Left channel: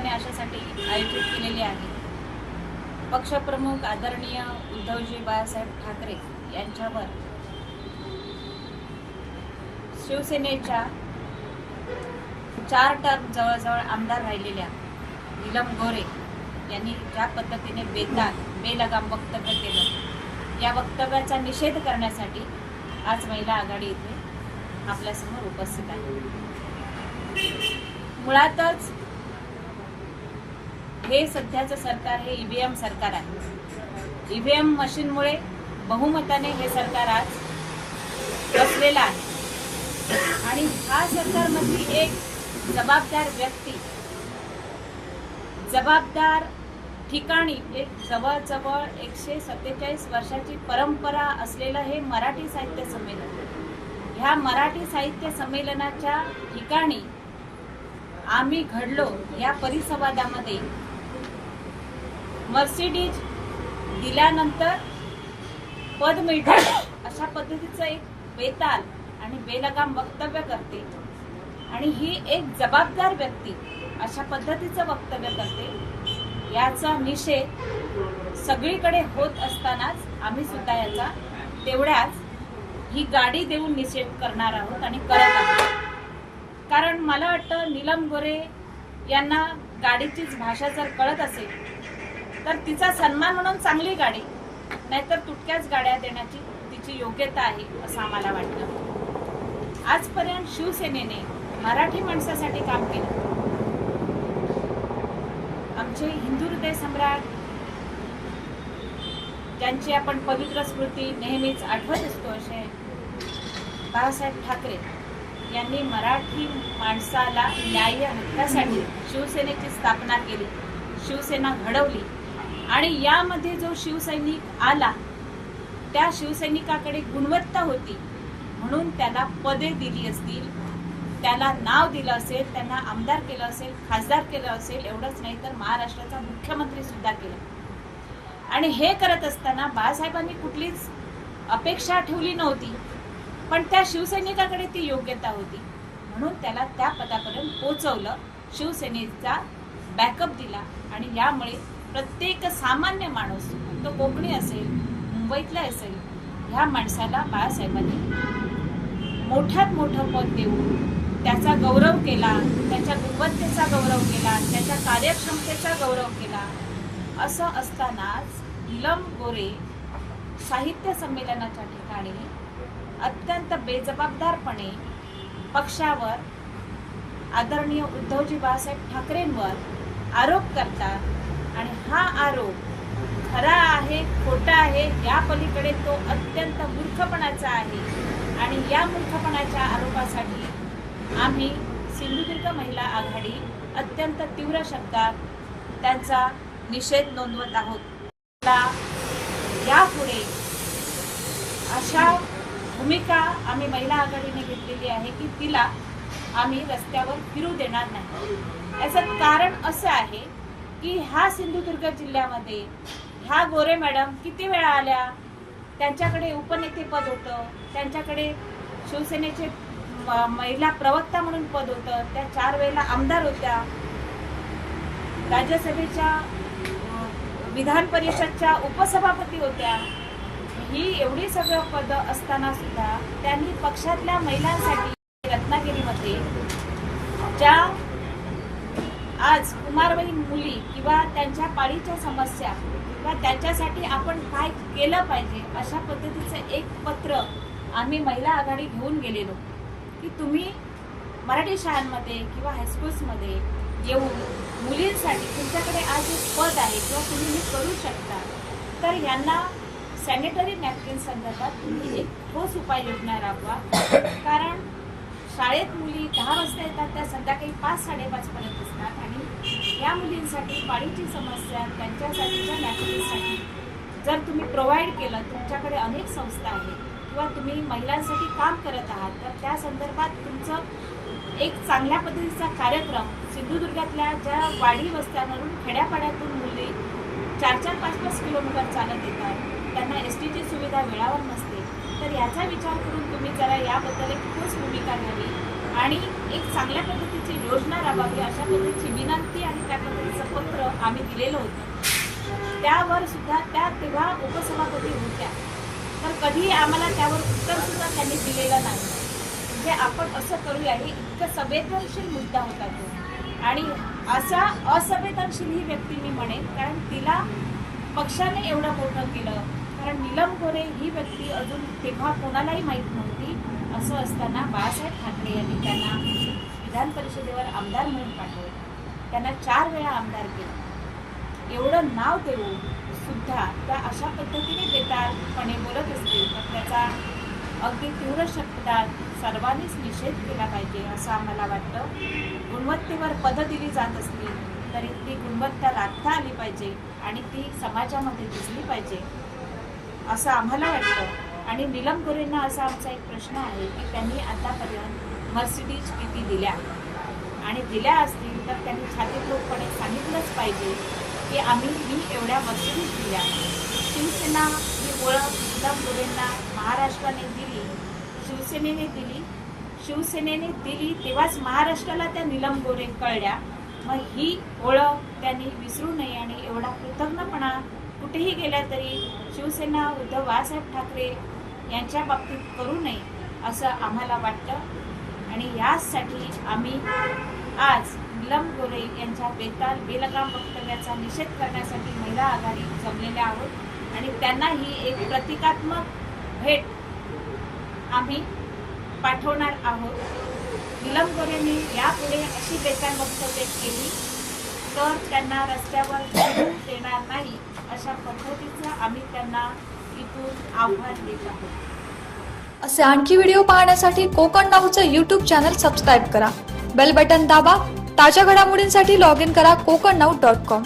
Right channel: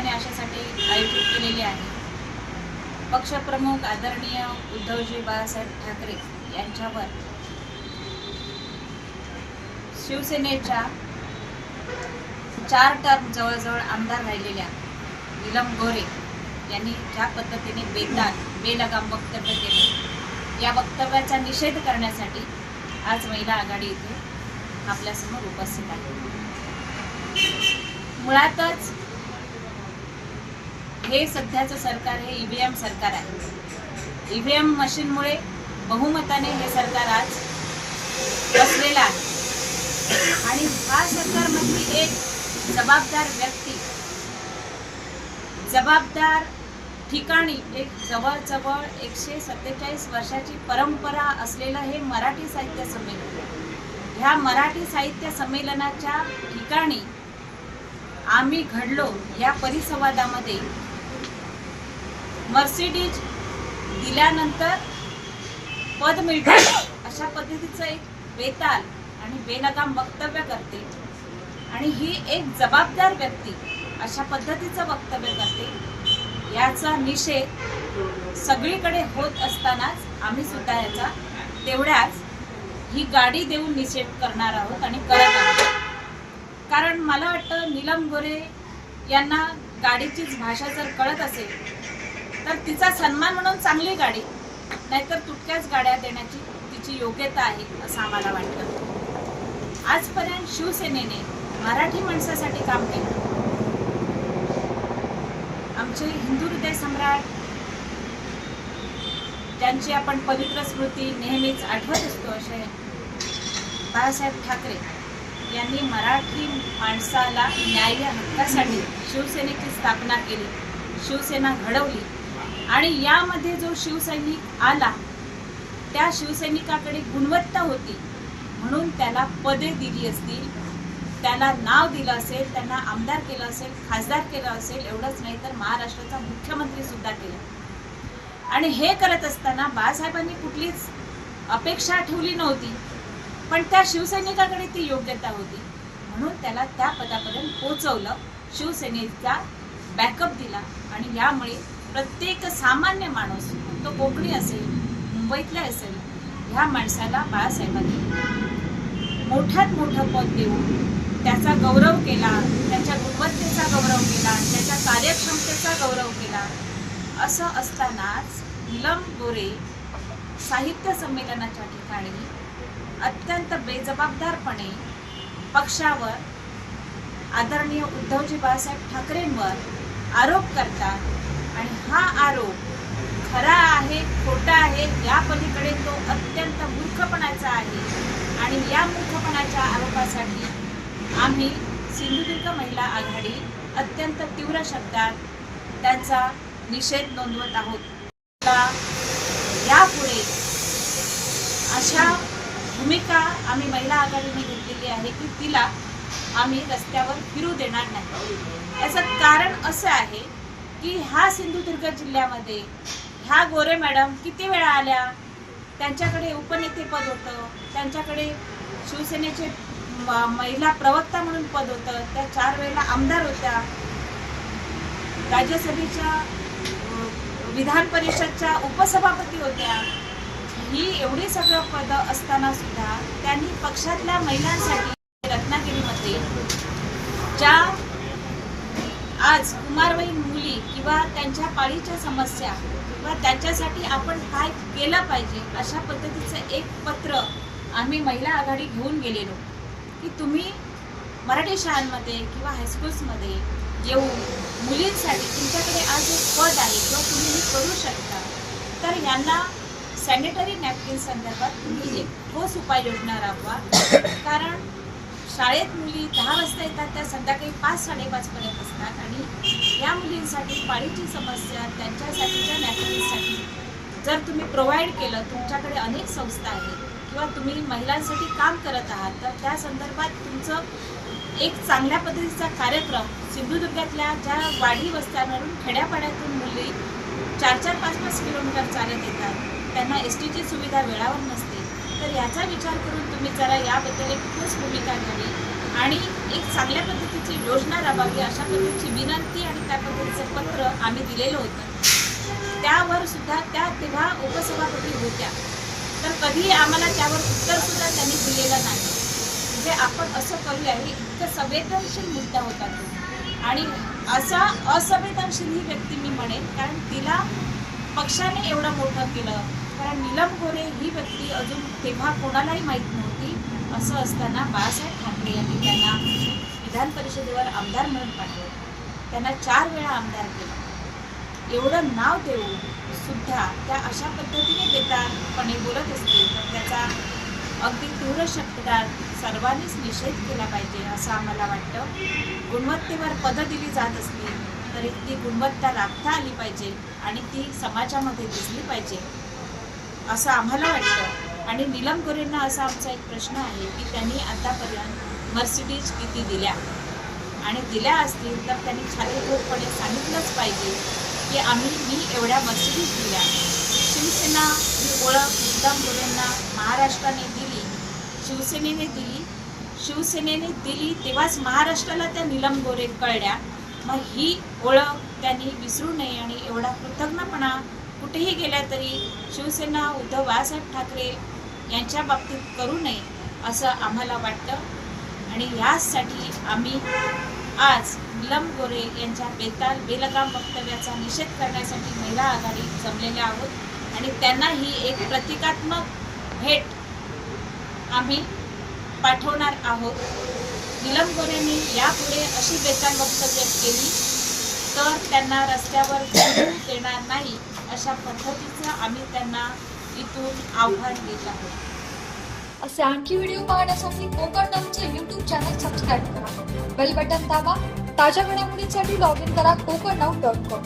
सिंधुदुर्गाने अशासाठी आयोजित केलेली आहे. पक्षप्रमुख आदरणीय उद्धवजी बाळासाहेब ठाकरे यांच्यावर शिवसेनेच्या चार टर्म जवळजवळ आमदार राहिलेल्या नीलम गोरे यांनी ज्या पद्धतीने बेदान बेलगाम वक्तव्य केलं या वक्तव्याचा निषेध करण्यासाठी आज महिला आघाडी इथे आपल्यासमोर उपस्थित आहे. मुळातच हे सध्याचं सरकार हे ई व्ही एम सरकार आहे. ई व्ही एम मशीनमुळे बहुमताने हे सरकार आज बसलेलं आहे. आणि ह्या सरकारमधली एक जबाबदार व्यक्ती जबाबदार ठिकाणी एक जवळजवळ एकशे सत्तेचाळीस वर्षाची परंपरा असलेलं हे मराठी साहित्य संमेलन. ह्या मराठी साहित्य संमेलनाच्या ठिकाणी आम्ही घडलो या परिसंवादामध्ये मर्सिडीज दिल्यानंतर पद मिळते. अशा पद्धतीचं एक बेताल आणि बेलगाम वक्तव्य करते. आणि ही एक जबाबदार व्यक्ती अशा पद्धतीचं वक्तव्य करते. याचा निषेध सगळीकडे होत असतानाच आम्ही सुद्धा याचा तेवढ्याच ही गाडी देऊन निषेध करणार आहोत आणि करत आहोत. कारण मला वाटतं नीलम गोरे यांना गाडीचीच भाषा जर कळत असेल तर तिचा सन्मान म्हणून चांगली गाडी नाहीतर तुटक्याच गाड्या देण्याची तिची योग्यता आहे असं आम्हाला वाटतं. आजपर्यंत शिवसेनेने मराठी माणसासाठी काम केलं. आमचे हिंदू हृदय सम्राट ज्यांची आपण पवित्र स्मृती नेहमीच आठवत असतो असे बाळासाहेब ठाकरे यांनी मराठी माणसाला न्याय हक्कासाठी शिवसेनेची स्थापना केली शिवसेना घडवली आणि यामध्ये जो शिवसैनिक आला त्या शिवसैनिकाकडे गुणवत्ता होती. म्हणून त्याला पदे दिली असतील त्याला नाव दिलं असेल त्यांना आमदार केलं असेल खासदार केलं असेल एवढंच नाही तर महाराष्ट्राचा मुख्यमंत्री सुद्धा केला. आणि हे करत असताना बाळासाहेबांनी कुठलीच अपेक्षा ठेवली नव्हती पण त्या शिवसैनिकाकडे ती योग्यता होती. म्हणून त्याला त्या पदापर्यंत पोचवलं शिवसेनेचा बॅकअप दिला आणि यामुळे प्रत्येक सामान्य माणूस तो कोकणी असेल मुंबईतला असेल ह्या माणसाला बाळासाहेबांनी मोठ्यात मोठं पद देऊन त्याचा गौरव केला त्याच्या गुणवत्तेचा गौरव केला त्याच्या कार्यक्षमतेचा गौरव केला. असं असतानाच निलम गोरे साहित्य संमेलनाच्या ठिकाणी अत्यंत बेजबाबदारपणे पक्षावर आदरणीय उद्धवजी बाळासाहेब ठाकरेंवर आरोप करतात आणि हा आरोप खरा आहे खोटा आहे या पलीकडे तो अत्यंत मूर्खपणाचा आहे. आणि या मूर्खपणाच्या आरोपासाठी आम्ही सिंधुदुर्ग महिला आघाडी अत्यंत तीव्र शब्दात त्यांचा निषेध नोंदवत आहोत. आता यापुढे अशा भूमिका आम्ही महिला आघाडीने घेतलेली आहे की तिला आम्ही रस्त्यावर फिरू देणार नाही. याचं कारण असं आहे की ह्या सिंधुदुर्ग जिल्ह्यामध्ये ह्या गोरे मॅडम किती वेळा आल्या? त्यांच्याकडे उपनेतेपद होतं. त्यांच्याकडे शिवसेनेचे म- महिला प्रवक्ता म्हणून पद होतं. त्या चार वेळेला आमदार होत्या. राज्यसभेच्या विधान परिषदच्या उपसभापती होत्या. ही एवढी सगळं पदं असताना सुद्धा त्यांनी पक्षातल्या महिलांसाठी रत्नागिरीमध्ये ज्या आज कुमारवयीन मुली किंवा त्यांच्या पाळीच्या समस्या किंवा त्यांच्यासाठी आपण काय केलं पाहिजे अशा पद्धतीचं एक पत्र आम्ही महिला आघाडी घेऊन गेलेलो. की तुम्ही मराठी शाळांमध्ये किंवा हायस्कूल्समध्ये येऊन मुलींसाठी तुमच्याकडे आज एक पद आहे किंवा तुम्ही हे करू शकता तर यांना सॅनिटरी नॅपकिन संदर्भात तुम्ही एक ठोस उपाययोजना राबवा. कारण शाळेत मुली दहा वाजता येतात त्या संध्याकाळी पाच साडेपाचपर्यंत असतात आणि या मुलींसाठी पाळीची समस्या त्यांच्यासाठीच्या नॅपकिनसाठी जर तुम्ही प्रोव्हाइड केलं तुमच्याकडे अनेक संस्था आहेत किंवा तुम्ही महिलांसाठी काम करत आहात तर त्या संदर्भात तुमचं एक चांगल्या पद्धतीचा कार्यक्रम सिंधुदुर्गातल्या ज्या वाडी वस्त्यांवरून खेड्यापाड्यातून मुली चार चार पाच पाच किलोमीटर चालत येतात. त्यांना एस टीची सुविधा वेळावर नसते. तर याचा विचार करून तुम्ही जरा याबद्दल एक ठोस भूमिका घ्यावी आणि एक चांगल्या पद्धतीची योजना राबवावी अशा पद्धतीची विनंती आणि त्या पद्धतीचं पत्र आम्ही दिलेलं होतं. त्यावर सुद्धा त्या तेव्हा उपसभापती होत्या. तर कधी आम्हाला त्यावर उत्तर सुद्धा त्यांनी दिलेलं नाही. म्हणजे आपण असं करूया हे इतकं संवेदनशील मुद्दा होता तो. आणि असा असंवेदनशील ही व्यक्ती मी म्हणेन कारण तिला पक्षाने एवढं मोठं केलं. कारण गोरे ही व्यक्ती अजून तेव्हा कोणालाही माहीत नव्हती असं असताना बाळासाहेब ठाकरे यांनी त्यांना विधान परिषदेवर आमदार म्हणून पाठवलं. त्यांना चार वेळा आमदार केलं. एवढं नाव देऊन सुद्धा त्या अशा पद्धतीने बेतारपणे बोलत असतील तर त्याचा अगदी तीव्र शब्दात सर्वांनीच निषेध केला पाहिजे असं आम्हाला वाटतं. गुणवत्तेवर पदं दिली जात असली तरी ती गुणवत्ता राखता आली पाहिजे आणि ती समाजामध्ये दिसली पाहिजे. असं आम्हाला वाटतं. आणि निलम गोरेंना असा आमचा एक प्रश्न आहे की त्यांनी आतापर्यंत मर्सिडीज किती दिल्या? आणि दिल्या असतील तर त्यांनी छातीतूरपणे सांगितलंच पाहिजे की आम्ही मी एवढ्या मर्सिडीज दिल्या. शिवसेना ही ओळख निलम गोरेंना महाराष्ट्राने दिली. शिवसेनेने दिली. शिवसेनेने दिली तेव्हाच महाराष्ट्राला त्या निलम गोरे कळल्या. मग ही ओळख त्यांनी विसरू नये आणि एवढा कृतज्ञपणा कुठेही गेल्या तरी शिवसेना उद्धव बाळासाहेब ठाकरे यांच्या बाबतीत करू नये असं आम्हाला वाटतं. आणि यासाठी आम्ही आज निलम गोरे यांच्या बेताल बेलगाम वक्तव्याचा निषेध करण्यासाठी महिला आघाडी जमलेल्या आहोत. आणि त्यांना ही एक प्रतिकात्मक भेट आम्ही पाठवणार आहोत. निलम गोरेंनी यापुढे अशी बेताल वक्तव्य केली तर त्यांना रस्त्यावर देणार नाही अशा पद्धतीचं आम्ही त्यांना इथून आव्हान देत आहोत. असे आणखी व्हिडिओ पाहण्यासाठी कोकण नाऊचं यूट्यूब चॅनल सबस्क्राईब करा. बेल बटन दाबा. ताज्या घडामोडींसाठी लॉग इन करा कोकण नाऊ डॉट कॉम